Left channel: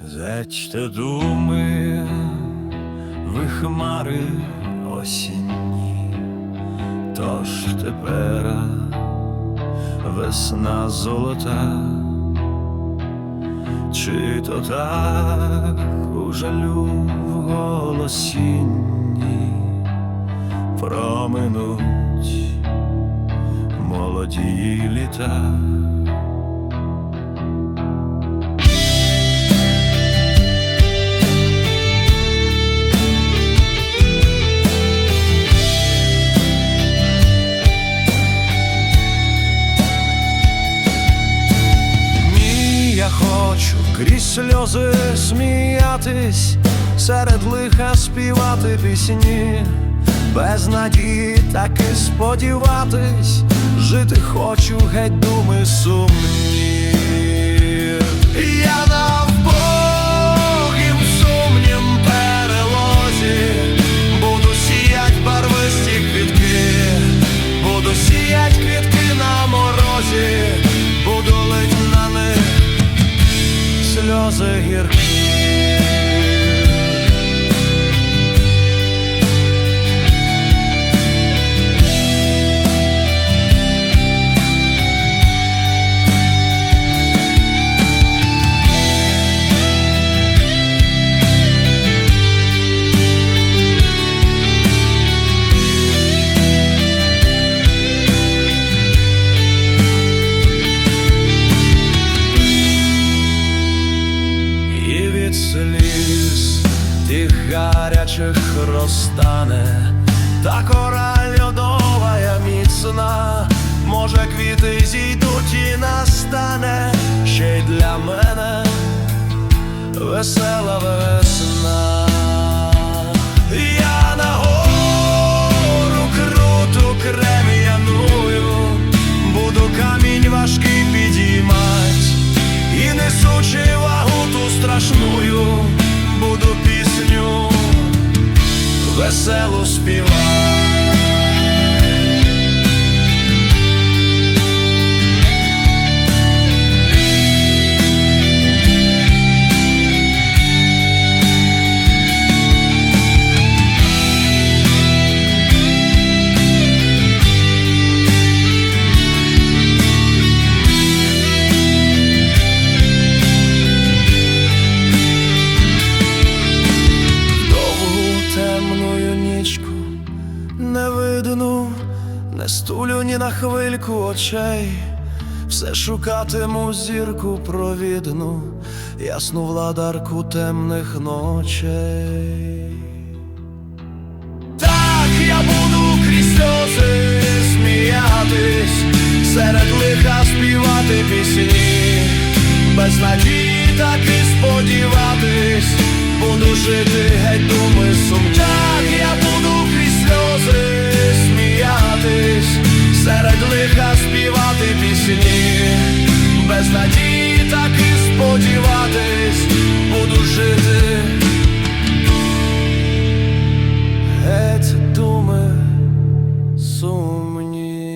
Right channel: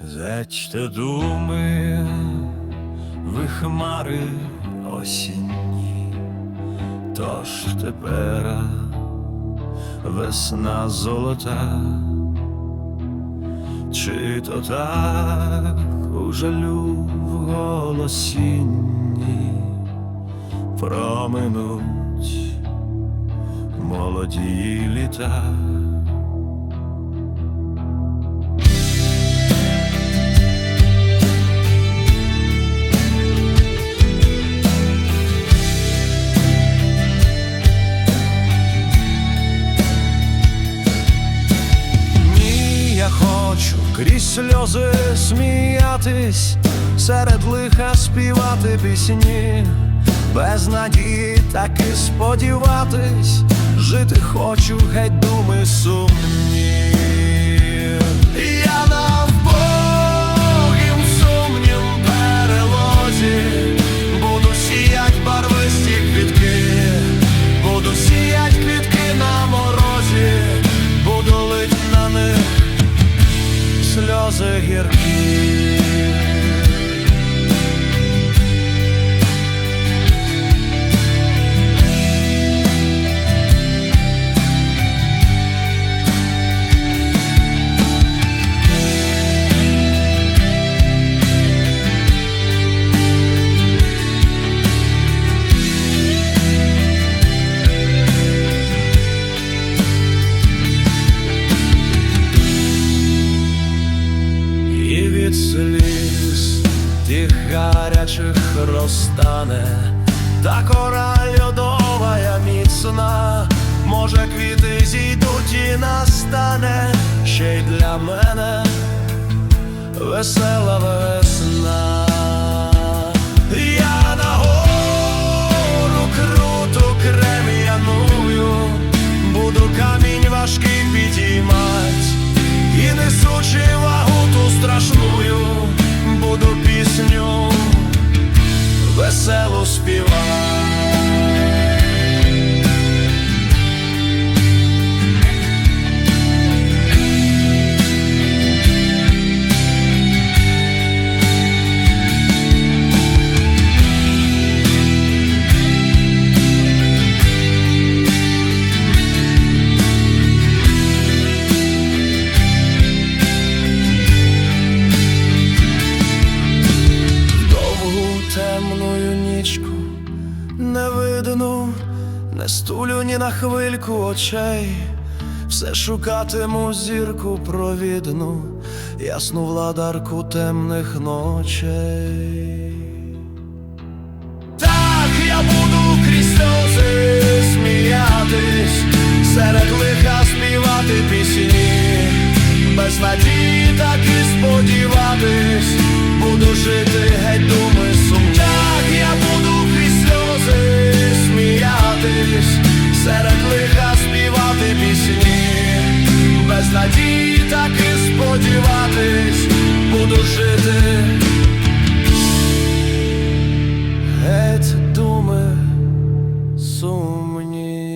Зечте думи, ви хмари осінні, тож тепер весна золота, чи то так у жалю в голосінні? Проминуть молоді літа. Я хочу крізь сльози сміятись, серед лиха співати пісні, без надії таки сподіватись, жити хочу, геть думи сумні. Я на вбогім сумнім перелозі, буду сіять барвисті квітки, буду сіять квітки на морозі, буду лить на них сльози гіркі. Від сліз тих гарячих розтане, та кора льодова міцна, може квіти зійдуть і настане ще й для мене весела весна. Я на гору круту крем'яную, буду камінь важкий підіймать. І несучи вагу ту страшную, буду пісню веселу співати. Темною нічку не видну, не стулю ні на хвильку очей, все шукатиму зірку провідну, ясну владарку темних ночей. Так я буду крізь сльози сміятись, серед лиха співати пісні, без надії так і сподіватись, буду жити геть думи сумні. Так я буду крізь сльози сміятись, серед лиха співати пісні, без надії так і сподіватись, буду жити. Геть думи сумні.